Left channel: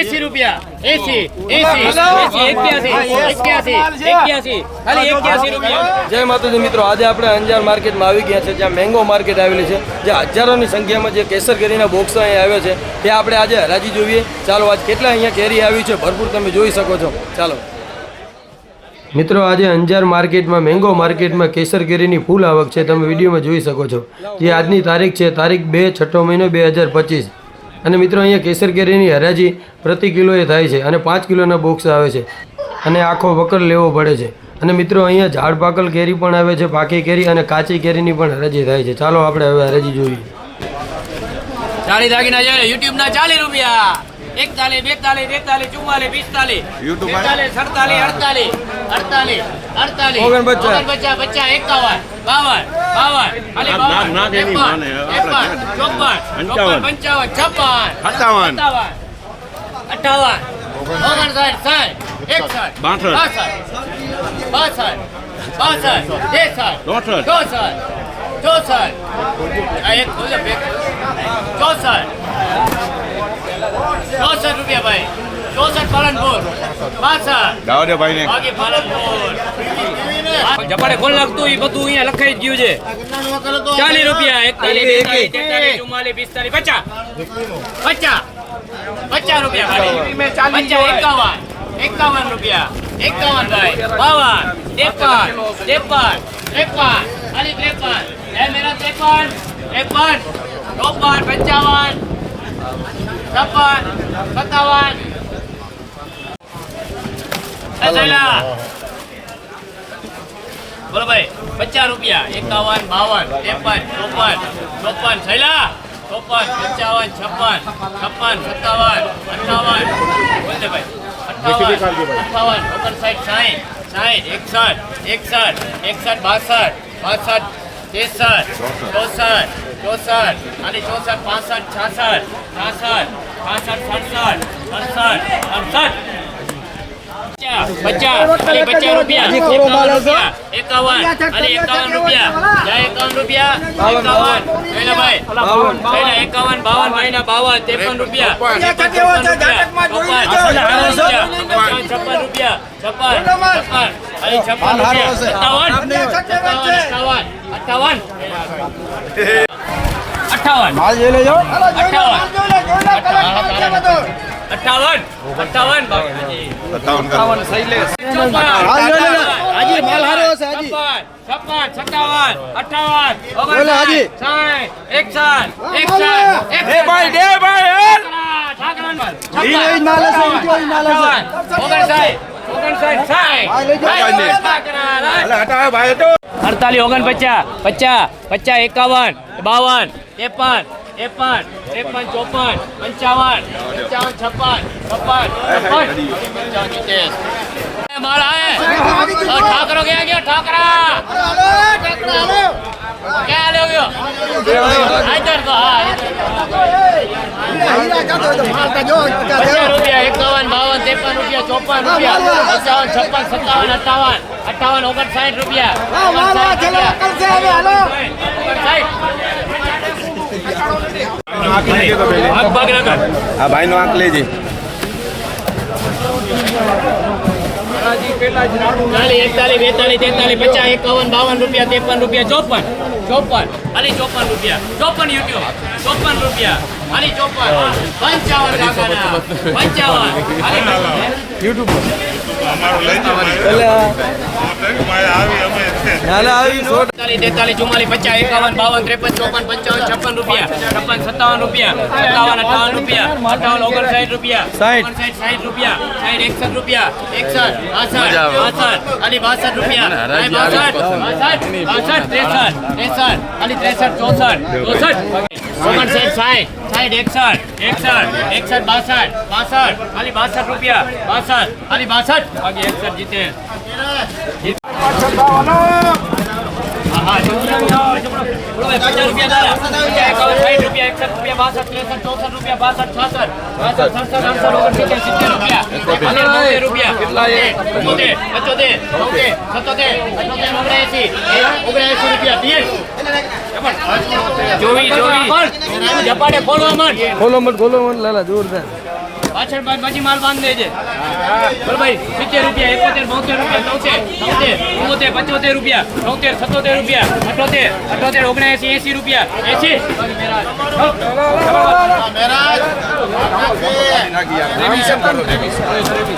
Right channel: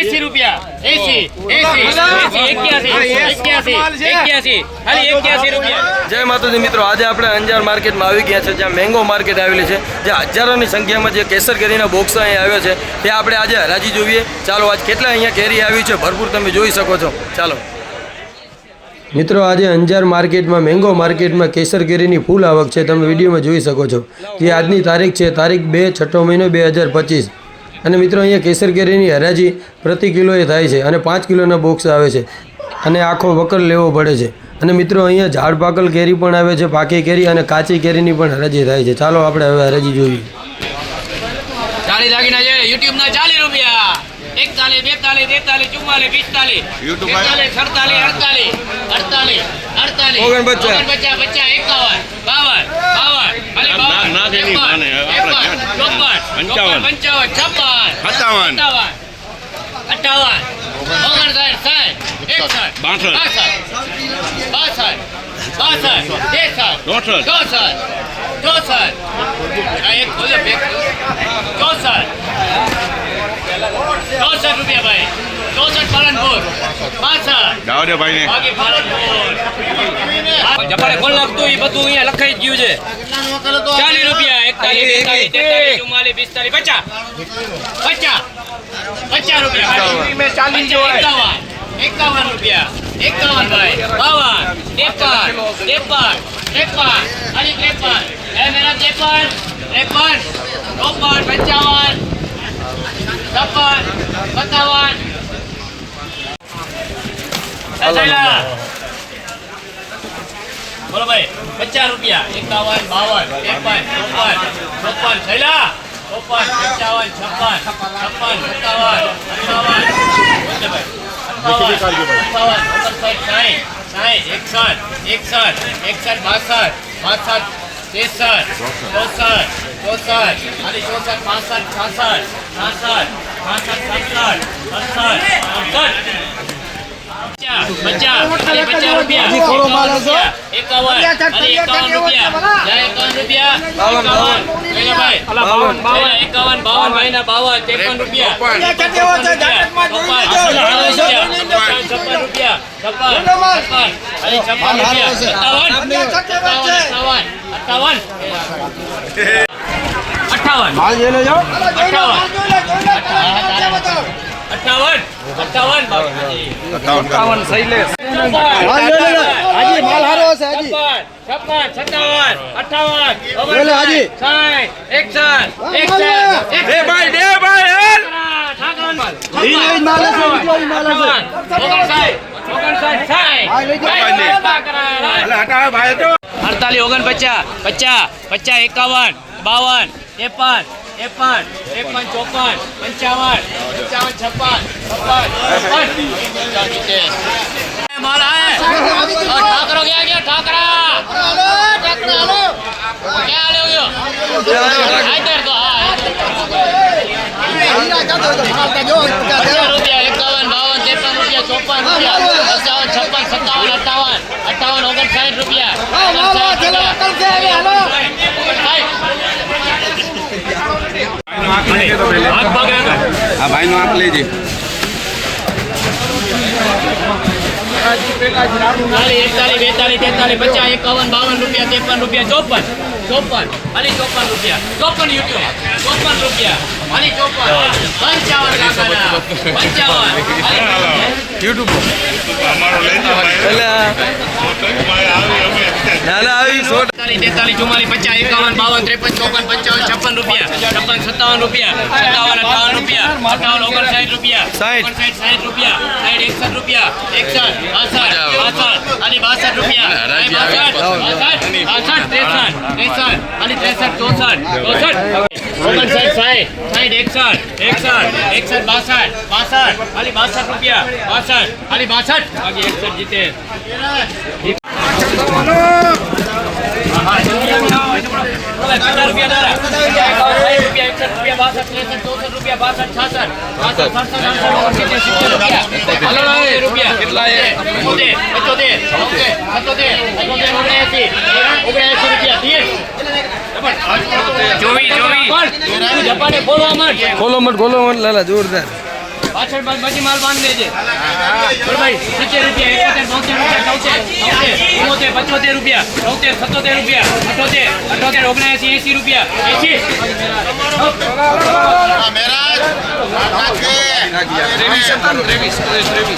એસી રૂપિયા. એસી એસી જય માતાજી મિત્રો. આજે આપણે અંજાર માર્કેટમાં આવી ગયા છે જ્યાં મેંગો માર્કેટ આવેલી છે જ્યાં હજારોની સંખ્યામાં જે કેસર કેરીના બોક્સ અહીં આવ્યો છે ત્યાં આપણે આજે હરાજી જોઈએ. ચાલો આજ કેટલા અહીંયા કેરી આવી છે ભરપૂર તમે જોઈ શકો છો. ચાલો. મિત્રો, આજે અંજાર માર્કેટમાં, મેંગો માર્કેટમાં કેસર કેરીની ફૂલ આવક છે. તમે વિડીયોમાં જોઈ શકો છો જે આજની તારીખ છે, તારીખ બે, છઠ્ઠો મહિનો બે હજાર પચીસ. અને મિત્રો, અહીંયા કેસર કેરીની હરાજી પ્રતિ કિલોએ થાય છે અને પાંચ કિલોના બોક્સ આવે છે અને આખો વકર લેવો પડે છે. અને મિત્રો, અહીંયા ઝાડ પાકલ કેરી પણ આવે છે, પાકી કેરી અને કાચી કેરીની પણ હરાજી થાય છે. ચાલો, આપણે હવે હરાજી જોઈએ. ચાલી લાગીને યુટ્યુબના યુટ્યુબ ચાલીસ રૂપિયા. એકતાલીસ બેતાલીસ તેતાલીસ ચુમ્માલીસ પિસ્તાલીસ તેતાલીસ સડતાલીસ અડતાલીસ અડતાલીસ અડતાલીસ ઓગણપચાસ. ઓગણપચાસ પચાસ એકાવન બાવન બાવન ખાલી બાવન ત્રેપન, ત્રેપન, ચોપન ચોપન પંચાવન છપ્પન સત્તાવન. સત્તાવન અઠાવન ઓગણસાઠ સાઠ એકસઠ બાસઠ. બાસઠ બાસઠ બાસઠ ત્રેસઠ ચોસઠ. ચોસઠ ચોસઠ આ એક ખોલ્યો બે ચોસઠ ચોસઠ રૂપિયા ભાઈ. ચોસઠ પાલનપુર. પાસઠ. દાવદેભાઈ ને બાકી પાલનપુર. જપારે કોણ લાગતું? એ બધું અહીંયા લખાઈ જ ગયું છે. ચાલીસ રૂપિયા એકતાલીસ બેતાલીસ તેતાલીસ ચુમ્માલીસ પિસ્તાલીસ પચાસ. પચાસ. પચાસ રૂપિયા પચાસ એકાવન. એકાવન. રૂપિયા. એકાવન ભાઈ. બાવન. ત્રેપન. ત્રેપન. ત્રેપન. અને ત્રેપન. એ મેરા ત્રેપન. ત્રેપન. ચોપન. પંચાવન. છપ્પન સત્તાવન. બોલો ભાઈ પચાસ રૂપિયા એકાવન બાવન ત્રેપન ચોપન ચોપન થયેલા ચોપન પંચાવન છપ્પન છપ્પન સત્તાવન અઠાવન બોલતે ભાઈ અઠાવન અઠાવન ઓગણસાઠ સાઠ સાઠ એકસઠ એકસઠ એકસઠ બાસઠ બાસઠ ત્રેસઠ ચોસઠ ચોસઠ અને ચોસઠ પાસઠ છાસઠ છાસઠ એકાવન ભાઈ બાવન. જયલા એકાવન બાવન ત્રેપન રૂપિયા છપ્પન રૂપિયા છપ્પન છપ્પન રૂપિયા સત્તાવન સત્તાવન અઠાવન અઠાવન. માલ જોઈ લેજો. અઠાવન. અઠાવન. અઠાવન. શૈલેષ હાજી માલ હારો હશે હાજી. છપ્પન. સત્તાવન. અઠાવન. બોલો, હાજી. સાઠ. એકસઠ. એકસઠ. દે ભાઈ દે ભાઈ હે. માલ હશે, માલ હશે. હા, અડતાલીસ ઓગણપચાસ પચાસ પચાસ એકાવન બાવન ત્રેપન ત્રેપન ત્રેપન ચોપન પંચાવન પંચાવન છપ્પન છપ્પન. ઠાકરો ક્યાં ગયો ઠાકરા ક્યાં લે ગયો આઈતર તો હા આઈતર. પચાસ રૂપિયા એકાવન બાવન ત્રેપન રૂપિયા ચોપન રૂપિયા પંચાવન છપ્પન સત્તાવન અઠાવન અઠાવન ઓગણસાઠ રૂપિયા ઓગણસાઠ રૂપિયા. ઓગણસાઠ. હાથ પગ રગડ. આ ભાઈ નો આંખ લેજે ખાલી એકતાલીસ, બેતાલીસ, તેતાલીસ, પચાસ, એકાવન, બાવન રૂપિયા, ત્રેપન રૂપિયા, ચોપન ચોપન, ખાલી ચોપન રૂપિયા. ચોપન યુટ્યુબ, ચોપન રૂપિયા. યુટ્યુબ એટલે ના ના આવી સો તેતાલીસ ચુમ્માલીસ પચાસ એકાવન બાવન ત્રેપન ચોપન પંચાવન છપ્પન રૂપિયા છપ્પન સત્તાવન રૂપિયા સત્તાવન અઠાવન રૂપિયા અઠાવન ઓગણસાઠ રૂપિયા સાઠ. ઓગણસાઠ સાઠ રૂપિયા સાઠ એકસઠ રૂપિયા એકસઠ અસઠ અસઠ અને બાસઠ રૂપિયા બાસઠ બાસઠ ત્રેસઠ ત્રેસઠ અને ત્રેસઠ ચોસઠ ચોસઠ ઓગણસાઠ સાઠ સાઠ એકસઠ એકસઠ એકસઠ બાસઠ બાસઠ ખાલી બાસઠ રૂપિયા બાસઠ ખાલી બાસઠ બાકી એકસઠ જીતે હા, હા. પચાસ રૂપિયા જોવી જોવી. તું ઝપાટે ખોલવા ખોલો મત ખોલો મત લાલા જોરદાર. પાછળ બધી માલ બાંધ દેજે બોલ સિત્તેર રૂપિયા એકોતેર બોતેર રૂપિયા તોતેર ચુમ્મોતેર પંચોતેર રૂપિયા તોતેર સત્તોતેર રૂપિયા અઠોતેર અઠોતેર ઓગણએસી એંસી રૂપિયા એંસી.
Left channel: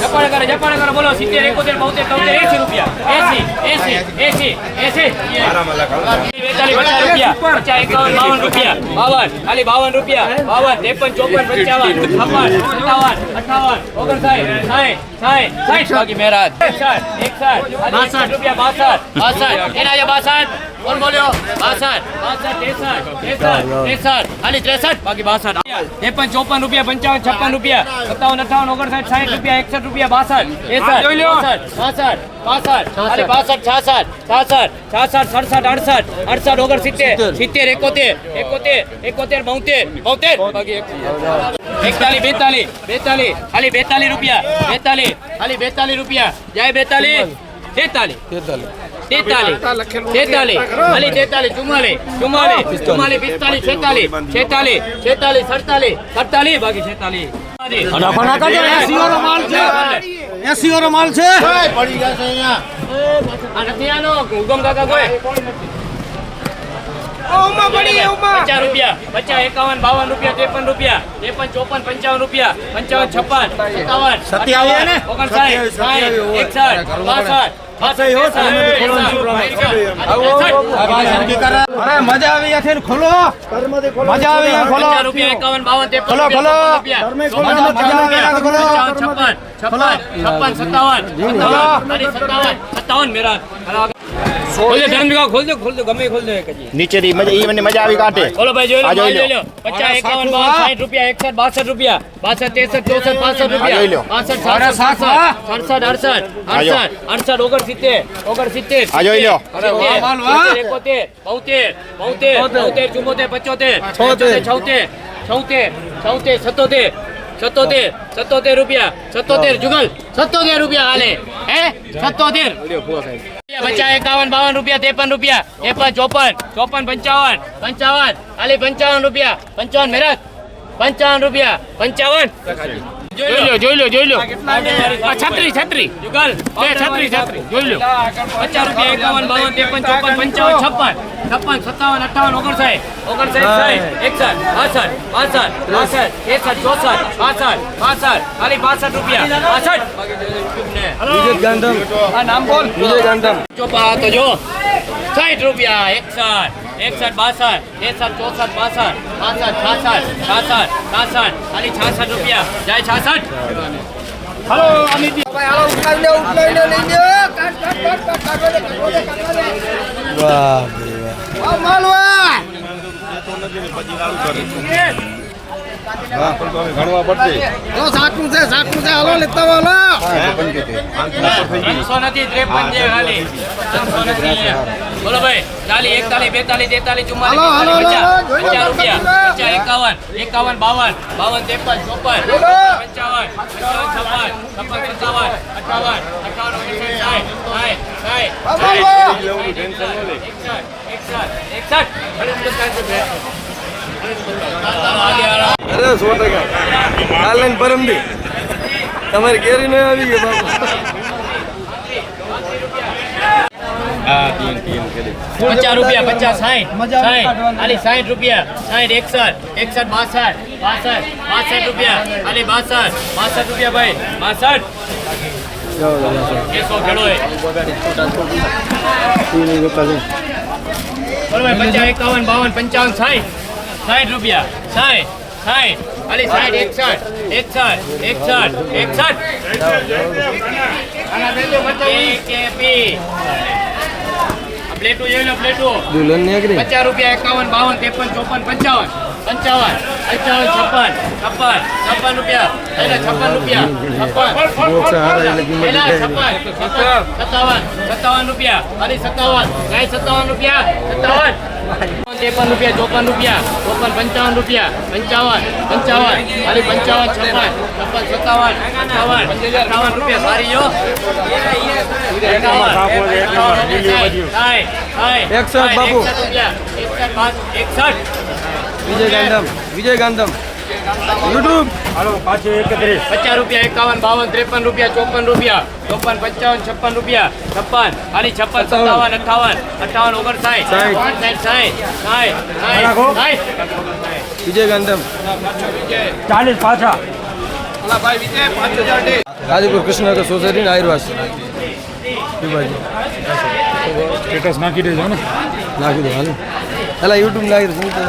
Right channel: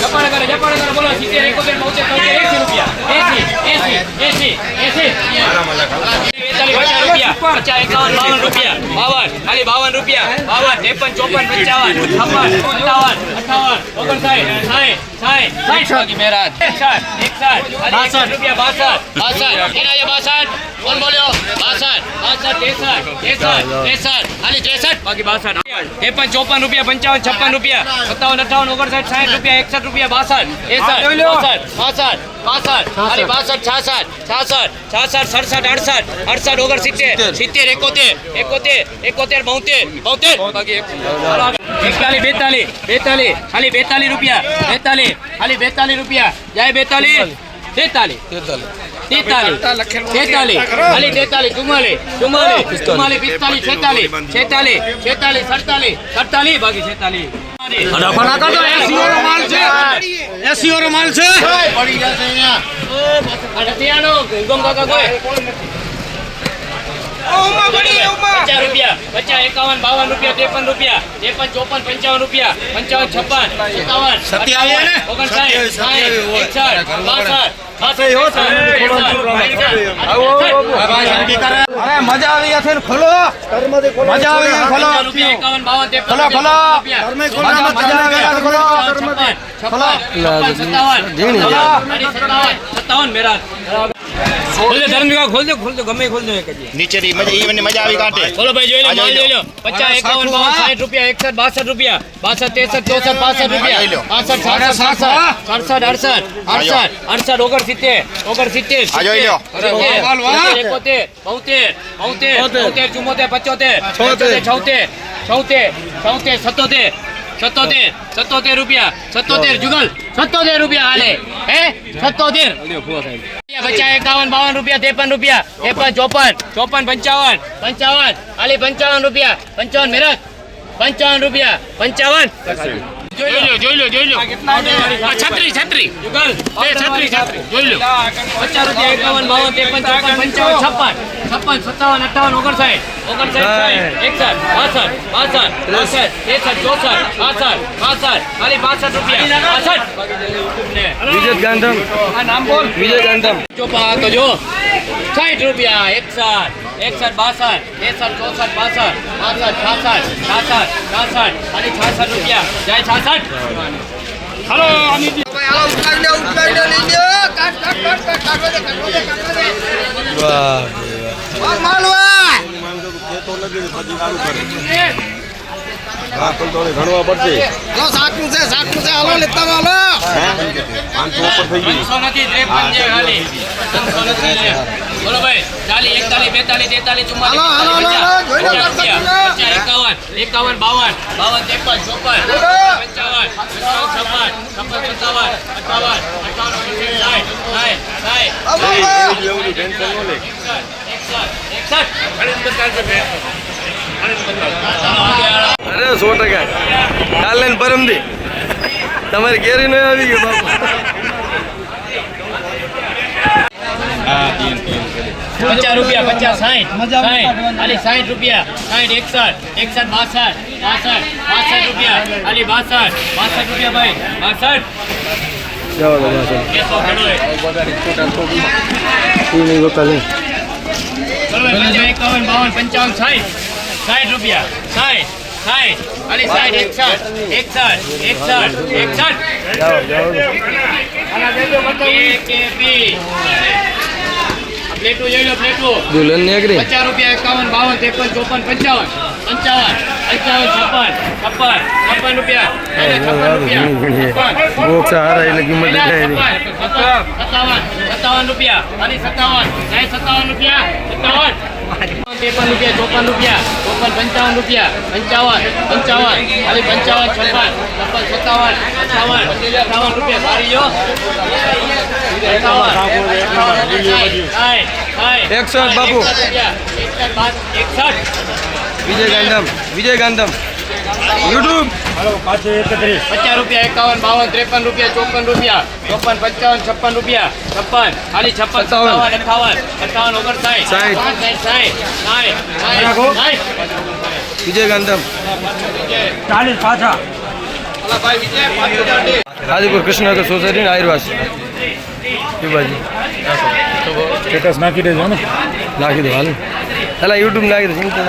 જપાડે કરે જપાડે કરે બોલો સિત્તેર એકોતેર બોતેર તોતેર એંસી રૂપિયા એસી એસી એસી એંસી. રૂપિયા. પચાસ એકાવન બાવન રૂપિયા. બાવન ખાલી બાવન રૂપિયા. બાવન ત્રેપન ચોપન પંચાવન છપ્પન સત્તાવન. અઠાવન ઓગણસાઠ સાઠ સાઠ સાઠ બાકી મહેરાજ એકસાઠ એકસાઠ બાસઠ રૂપિયા બાસઠ બાસઠ કેના છે બાસઠ કોણ બોલ્યો બાસઠ બાસઠ ત્રેસઠ ત્રેસઠ ત્રેસઠ ખાલી ત્રેસઠ બાકી બાસઠ ત્રેપન ચોપન રૂપિયા પંચાવન છપ્પન રૂપિયા સત્તાવન અઠાવન ઓગણસાઠ સાઠ રૂપિયા એકસઠ રૂપિયા બાસઠ એકસઠ બાસઠ બાસઠ ખાલી બાસઠ છાસઠ છાસઠ છાસઠ સડસઠ અડસઠ અડસઠ ઓગણસિત્તેર સિત્તેર એકોતેર એકોતેર એકોતેર બોતેર બોતેર બાકી એકતાલીસ બેતાલીસ બેતાલીસ ખાલી બેતાલી રૂપિયા. બેતાલી ખાલી બેતાલી રૂપિયા. જાય બેતાલી તેતાલી તેતાલી તેતાલીસ. ખાલી તેતાલીસ ચુમ્માલીસ. ચુમ્માલીસ. ચુમ્માલીસ પિસ્તાલીસ છેતાલીસ. છેતાલીસ. છેતાલીસ સડતાલીસ. સડતાલીસ બાકી છેતાલીસ. એસી વાળો માલ છે. પચાસ રૂપિયા પચાસ એકાવન બાવન રૂપિયા ત્રેપન રૂપિયા ત્રેપન ચોપન પંચાવન રૂપિયા પંચાવન છપ્પન સત્તાવન સત્યાવન ઓગણસાઠ સાઠ એકસઠ બાસઠ મજા આવી ગયા ખોલો મજા આવી ખોલો રૂપિયા એકાવન બાવન ત્રેપન ખોલો. મજા- આવી ખોલો. છપ્પન છપ્પન સત્તાવન સત્તાવન सत्तावन मेरा खोल दे, खोल दे, खोल खोल दे, नीचे मज़ा मज़ा काटे। भाई जो बच्चा रुपया સત્તોતેર સત્તોતેર સત્તોતેર રૂપિયા સત્તોતેર જુગલ સત્તોતેર રૂપિયા હાલે હે સત્તોતેર પચાસ એકાવન બાવન રૂપિયા ત્રેપન રૂપિયા ત્રેપન ચોપન ચોપન પંચાવન પંચાવન ખાલી પંચાવન રૂપિયા પંચાવન મેરજ પંચાવન રૂપિયા પંચાવન જોઈ લો જોઈ લો જોઈ લો. આ છત્રી છત્રી. જુગલ એ છત્રી છત્રી. જોઈ લો. પચાસ રૂપિયા એકાવન બાવન ત્રેપન ચોપન પંચાવન છપ્પન. છપ્પન સત્તાવન અઠાવન ઓગણસાઠ. ઓગણસાઠ સાઠ. એકસઠ બાસઠ બાસઠ બાસઠ એકસઠ ચોસઠ બાસઠ બાસઠ. ખાલી બાસઠ રૂપિયા. બાસઠ. વિજય ગાંધમ આ નામ બોલ વિજય ગાંધમ ચોપા તો જો. સાઠ રૂપિયા એકસઠ. એકસઠ બાસઠ ત્રેસઠ ચોસઠ બાસઠ બાસઠ છાસઠ છાસઠ છાસઠ ખાલી છાસઠ રૂપિયા જાય છાસઠ હલો અમિત વાહ ત્રણસો હલો ત્રેપન છે ખાલી. ત્રણસો નથી બોલો ભાઈ ચાલી એકતાલીસ બેતાલીસ તેતાલીસ ચુમ્માલીસ પચાસ રૂપિયા. પચાસ એકાવન એકાવન બાવન બાવન ત્રેપન ચોપન પંચાવન પંચાવન છપ્પન છપ્પન સત્તાવન અઠાવન અઠાવન ઓગણસાઠ સાઠ સાઠ સાઠ અરે સો ટકા કાલ ને પરમદી તમારી કેરી નહીં આવી ગઈ બાપુ પચાસ રૂપિયા પચાસ સાઠ સાઠ ખાલી સાઠ રૂપિયા સાઠ એકસઠ એકસઠ બાસઠ બાસઠ બાસઠ રૂપિયા ખાલી બાસઠ બાસઠ રૂપિયા ભાઈ બાસઠ કેસો ખેડો એ. બરોબર પચાસ એકાવન બાવન પંચાવન સાઠ સાઠ રૂપિયા સાઠ સાઠ ખાલી સાઠ એકસઠ એકસઠ એકસઠ એકસઠ કેપી. આ પ્લેટો જોઈ લો પ્લેટો દુલ્હન ની અગ્રી પચાસ રૂપિયા એકાવન બાવન ત્રેપન ચોપન પંચાવન પંચાવન પંચાવન છપ્પન છપ્પન છપ્પન રૂપિયા અને છપ્પન રૂપિયા છપ્પન પેલા છપ્પન છપ્પન સત્તાવન સત્તાવન રૂપિયા અને સત્તાવન નહીં સત્તાવન રૂપિયા સત્તાવન ત્રેપન રૂપિયા ચોપન રૂપિયા ચોપન પંચાવન રૂપિયા પંચાવન પંચાવન ખાલી પંચાવન છપ્પન છપ્પન સત્તાવન અઠાવન અઠાવન રૂપિયા સારી જો. એકસઠ બાપુ. એકસઠ વિજય ગાંધમ વિજય ગાંધમ યુટ્યુબ પચાસ રૂપિયા એકાવન બાવન ત્રેપન રૂપિયા ચોપન રૂપિયા ચોપન પંચાવન છપ્પન રૂપિયા છપ્પન ખાલી છપ્પન સત્તાવન અઠાવન અઠાવન ઓગણસાઠ સાઠ. ઓગણસાઠ સાઠ સાઠ સાઠ સાઠ વિજય ગાંધમ આદિપુર કૃષ્ણનગર સોસાયટી આયુર્વાસ બાજુ નાખી દો હાલ પેલા યુટ્યુબ નાખી દો